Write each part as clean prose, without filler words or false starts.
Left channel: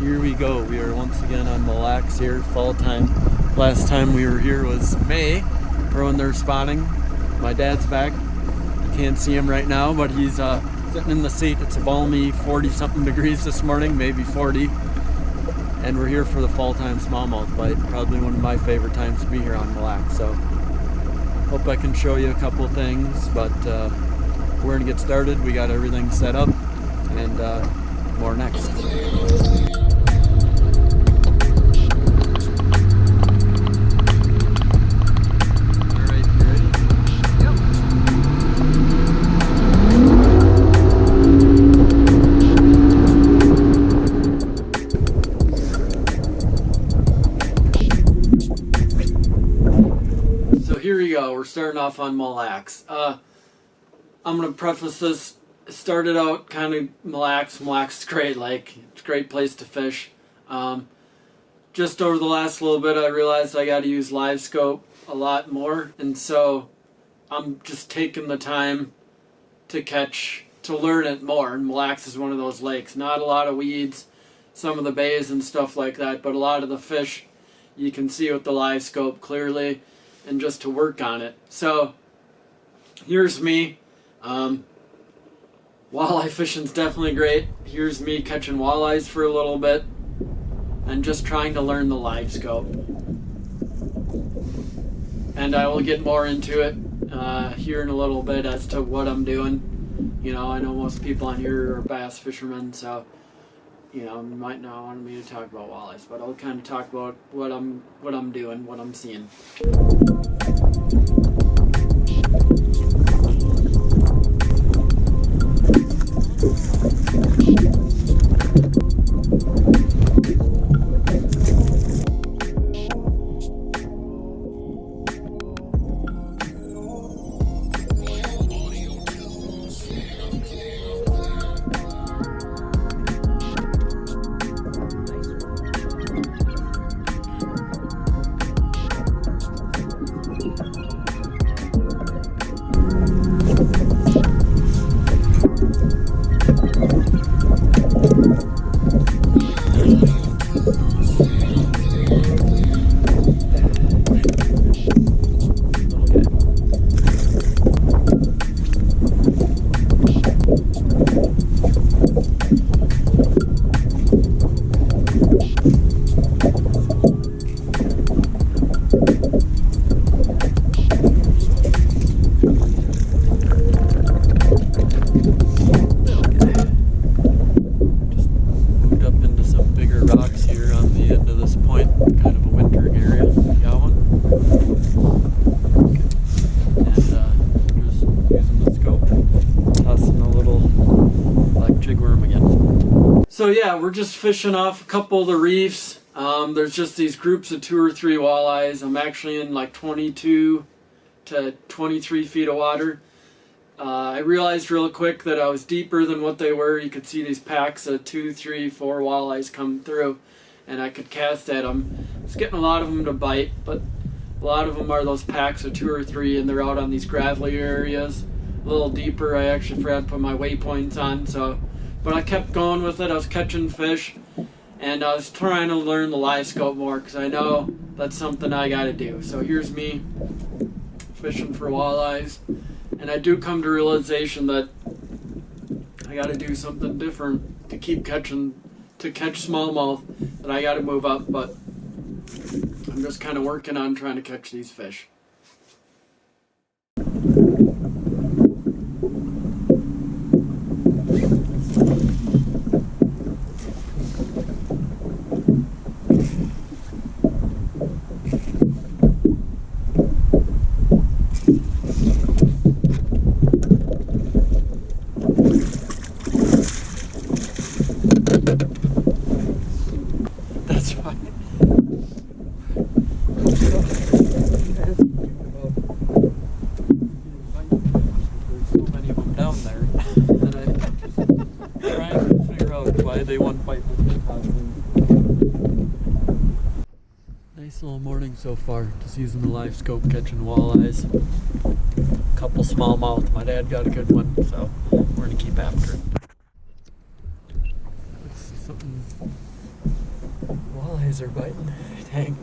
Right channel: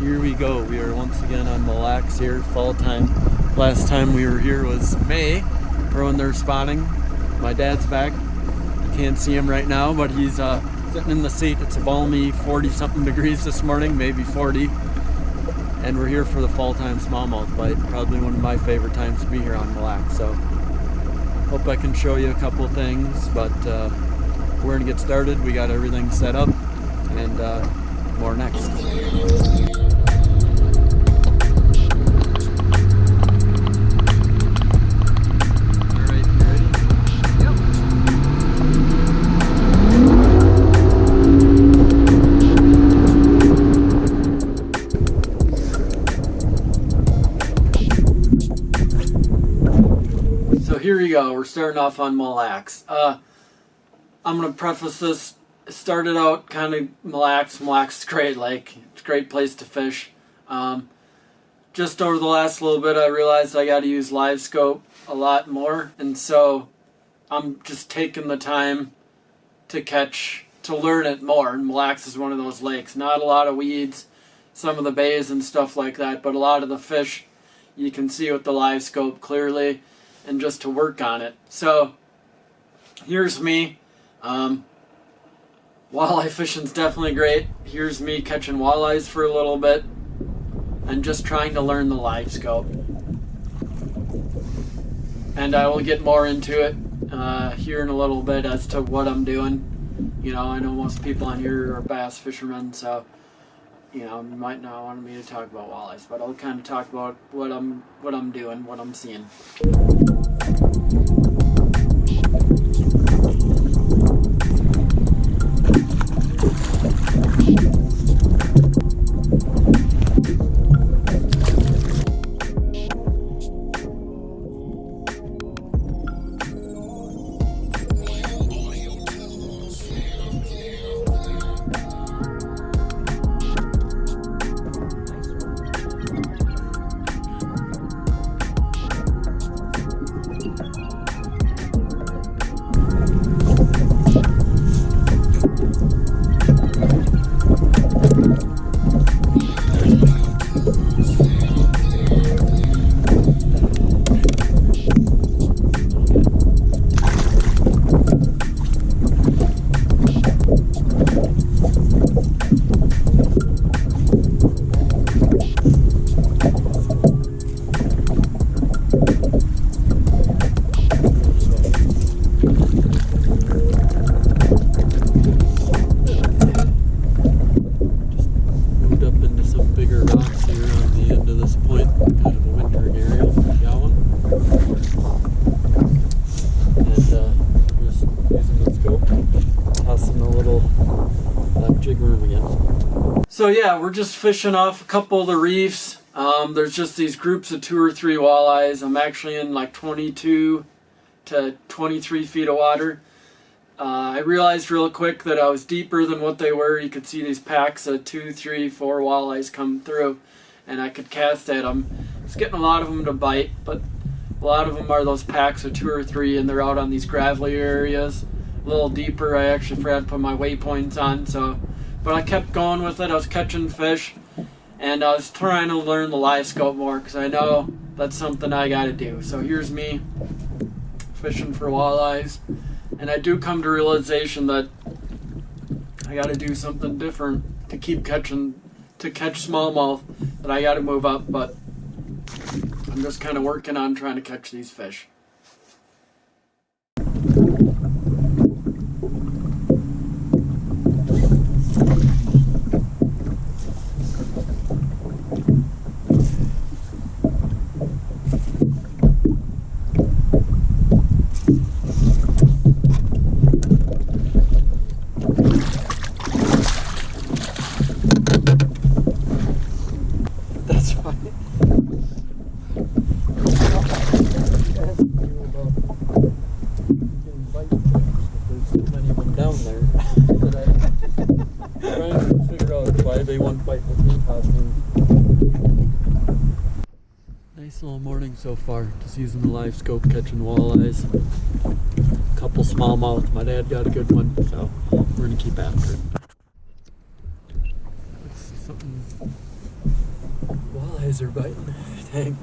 Here we go. We are once again on Mille Lacs here, fall time. Last time we were here was May, for when they're spawning. My dad's back. I can't see him right now, but he's sitting in the seat. It's a balmy 40-something degrees this morning, maybe 40. And we're here for the fall time smallmouth bite. Probably one of my favorite times to be here on Mille Lacs. So, hope I can show you a couple things, but we're gonna get started. We got everything set up, and more next. Here we go. We're starting off on Mille Lacs. I'm going to preface this. It started out kind of Mille Lacs. Mille Lacs is great lake. It's a great place to fish. Just over the last little bit, I realized I got to use Livescope a lot more. And so I'm just taking the time to learn it more. And Mille Lacs is one of those lakes. Not a lot of weeds, some of the bays and stuff like that, but a lot of the fish you can see with the Livescope clearly, and just to work on it. So here's me. Walleye fishing's definitely great. Here's me catching walleyes for a little bit and just trying to learn the Livescope. And I will get more into it here in a little bit as to what I'm doing. You know, I know most people on here are bass fishermen, so you know, you might not want me to talk about walleyes, but I'll kind of talk about what I'm doing, what I'm seeing. So yeah, we're just fishing off a couple of the reefs. There's just these groups of 2 or 3 walleyes. I'm actually in like 22 to 23 feet of water. I realized real quick that I was deeper than what they were. You could see these packs of 2, 3, 4 walleyes come through, and I could cast at them. It's getting a lot of them to bite, but a lot of them are those packs of 2 or 3, and they're out on these gravelly areas. A little deeper. I actually forgot to put my waypoints on, so... But I kept going with it. I was catching fish, and I was trying to learn the Livescope more because I know that's something I got to do. So here's me fishing for walleyes, and I do come to realization that I got to do something different to keep catching, to catch smallmouth, that I got to move up, but I'm just kind of working on trying to catch these fish. That's right. Asking you about getting bite because there's so many of them down there that I'm trying to figure out why they want to fight with me constantly. Nice little morning so far, just using the Livescope catching walleyes. Couple smallmouth, my dad got a good one, so we're gonna keep after it. Something Walleyes are biting. Dang.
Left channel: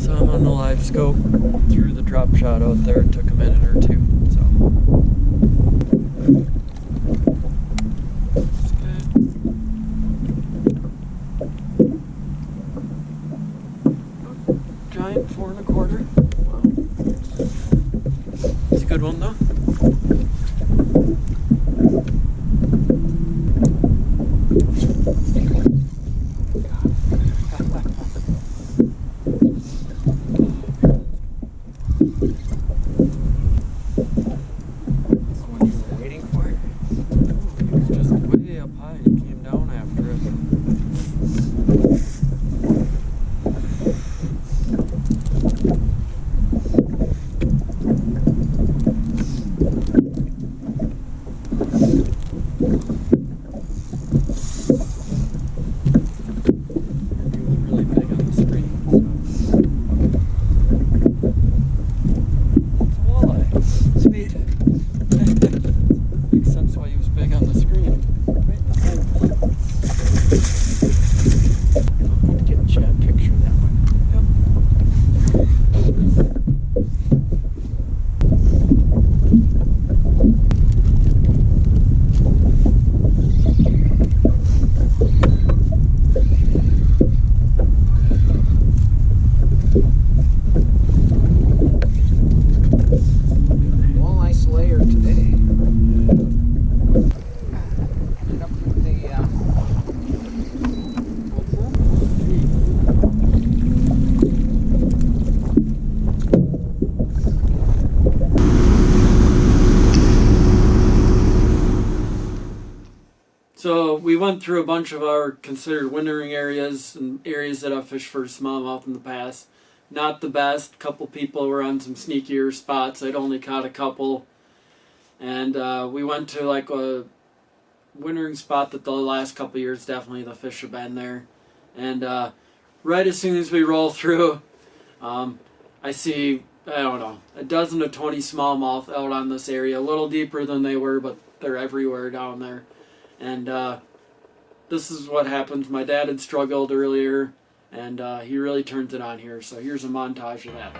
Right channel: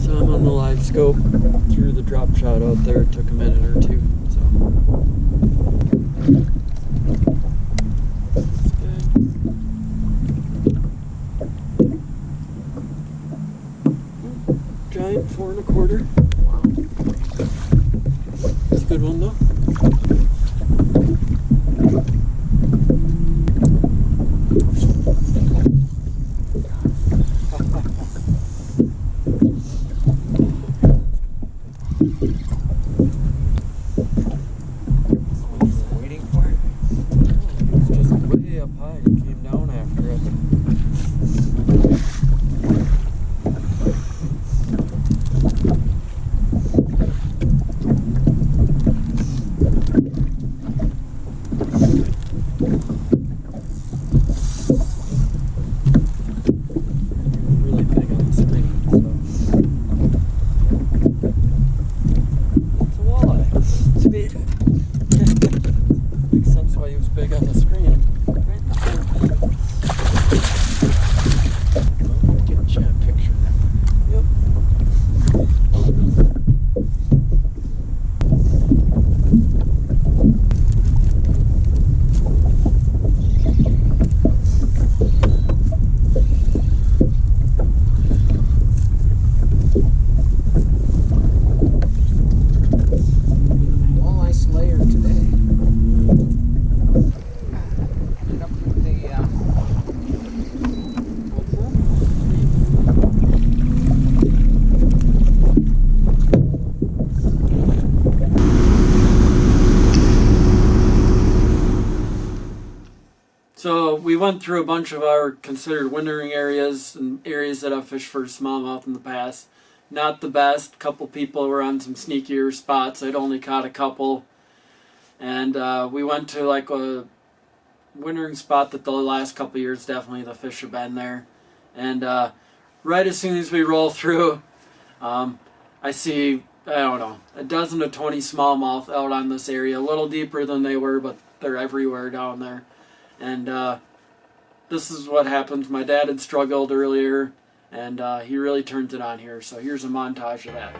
So I'm on the Livescope, threw the drop shot out there, it took a minute or two, so. That's good. Giant 4 1/4. Wow. It's a good one though. Way up high and he came down after it. And he was really big on the screen, so it's a walleye. Sweet. Makes sense why he was big on the screen. Right in the hole. Get a picture of that one. Yep. Walleye slayer today. So we went through a bunch of our considered wintering areas and areas that I've fished for smallmouth in the past. Not the best. Couple people were on some sneakier spots. I'd only caught a couple. And we went to like a wintering spot that the last couple years definitely the fish have been there. And right as soon as we roll through, I see, I don't know, a dozen to 20 smallmouth out on this area. A little deeper than they were, but they're everywhere down there. And this is what happens. My dad had struggled earlier, and he really turns it on here. So here's a montage of that.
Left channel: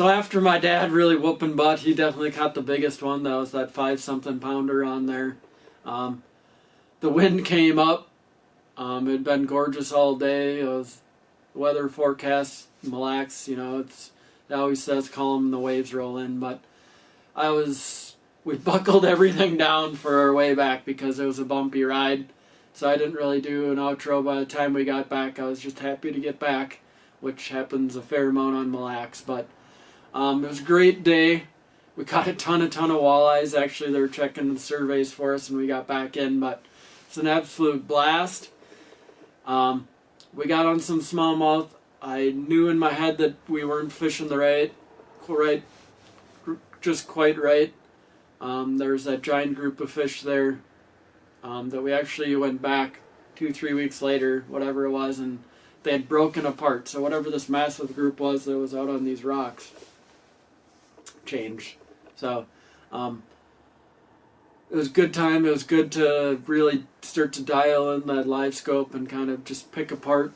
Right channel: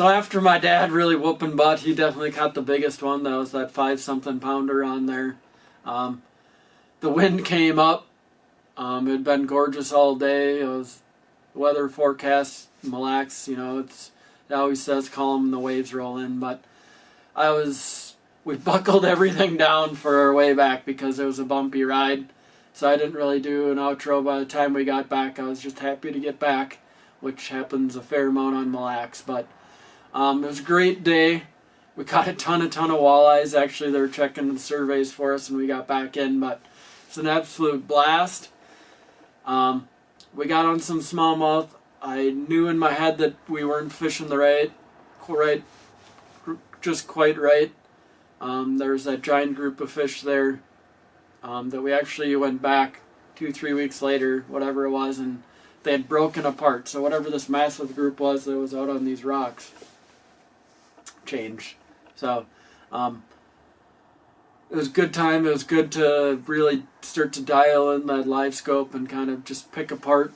So after my dad really whooping butt, he definitely caught the biggest one. That was that 5-something pounder on there. The wind came up. It had been gorgeous all day. It was weather forecast, Mille Lacs, you know, it always says calm and the waves roll in, but we buckled everything down for our way back because it was a bumpy ride. So I didn't really do an outro by the time we got back. I was just happy to get back, which happens a fair amount on Mille Lacs, but it was a great day. We caught a ton of walleyes. Actually, they were checking the surveys for us and we got back in, but it's an absolute blast. We got on some smallmouth. I knew in my head that we weren't fishing just quite right. There's that giant group of fish there that we actually went back 2-3 weeks later, whatever it was, and they had broken apart. So whatever this massive group was that was out on these rocks changed. So it was a good time. It was good to really start to dial in that Livescope and kind of just pick apart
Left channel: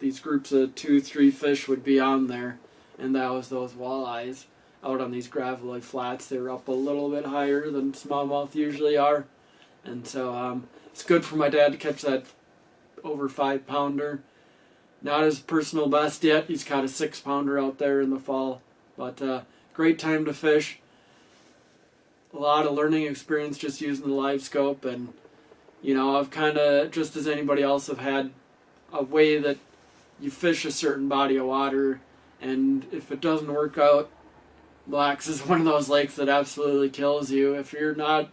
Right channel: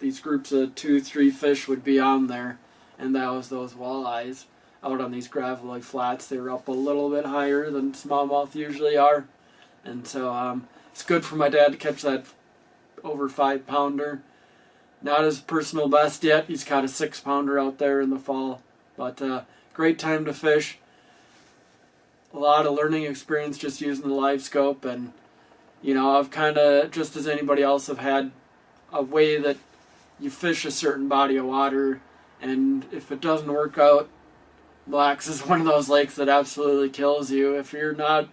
these groups of 2-3 fish would be on there. And that was those walleyes out on these gravelly flats. They were up a little bit higher than smallmouth usually are. And so it's good for my dad to catch that over 5-pounder. Not his personal best yet. He's caught a 6-pounder out there in the fall. But great time to fish. A lot of learning experience just using the Livescope, and you know, I've kind of, just as anybody else, have had a way that you fish a certain body of water, and if it doesn't work out, Mille Lacs is one of those lakes that absolutely kills you. If you're not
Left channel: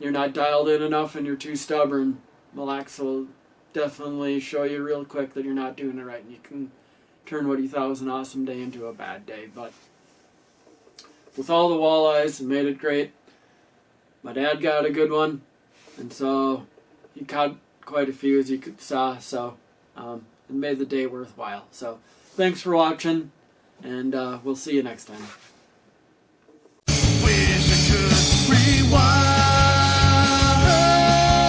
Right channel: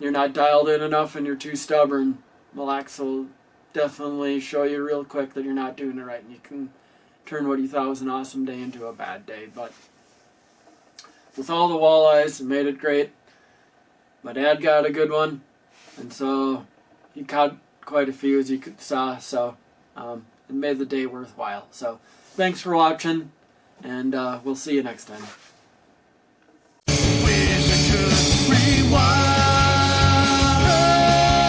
dialed in enough and you're too stubborn, Mille Lacs will definitely show you real quick that you're not doing it right, and you can turn what you thought was an awesome day into a bad day. But with all the walleyes, it made it great. My dad got a good one, and so he caught quite a few, as you saw, so it made the day worthwhile. So thanks for watching, and we'll see you next time.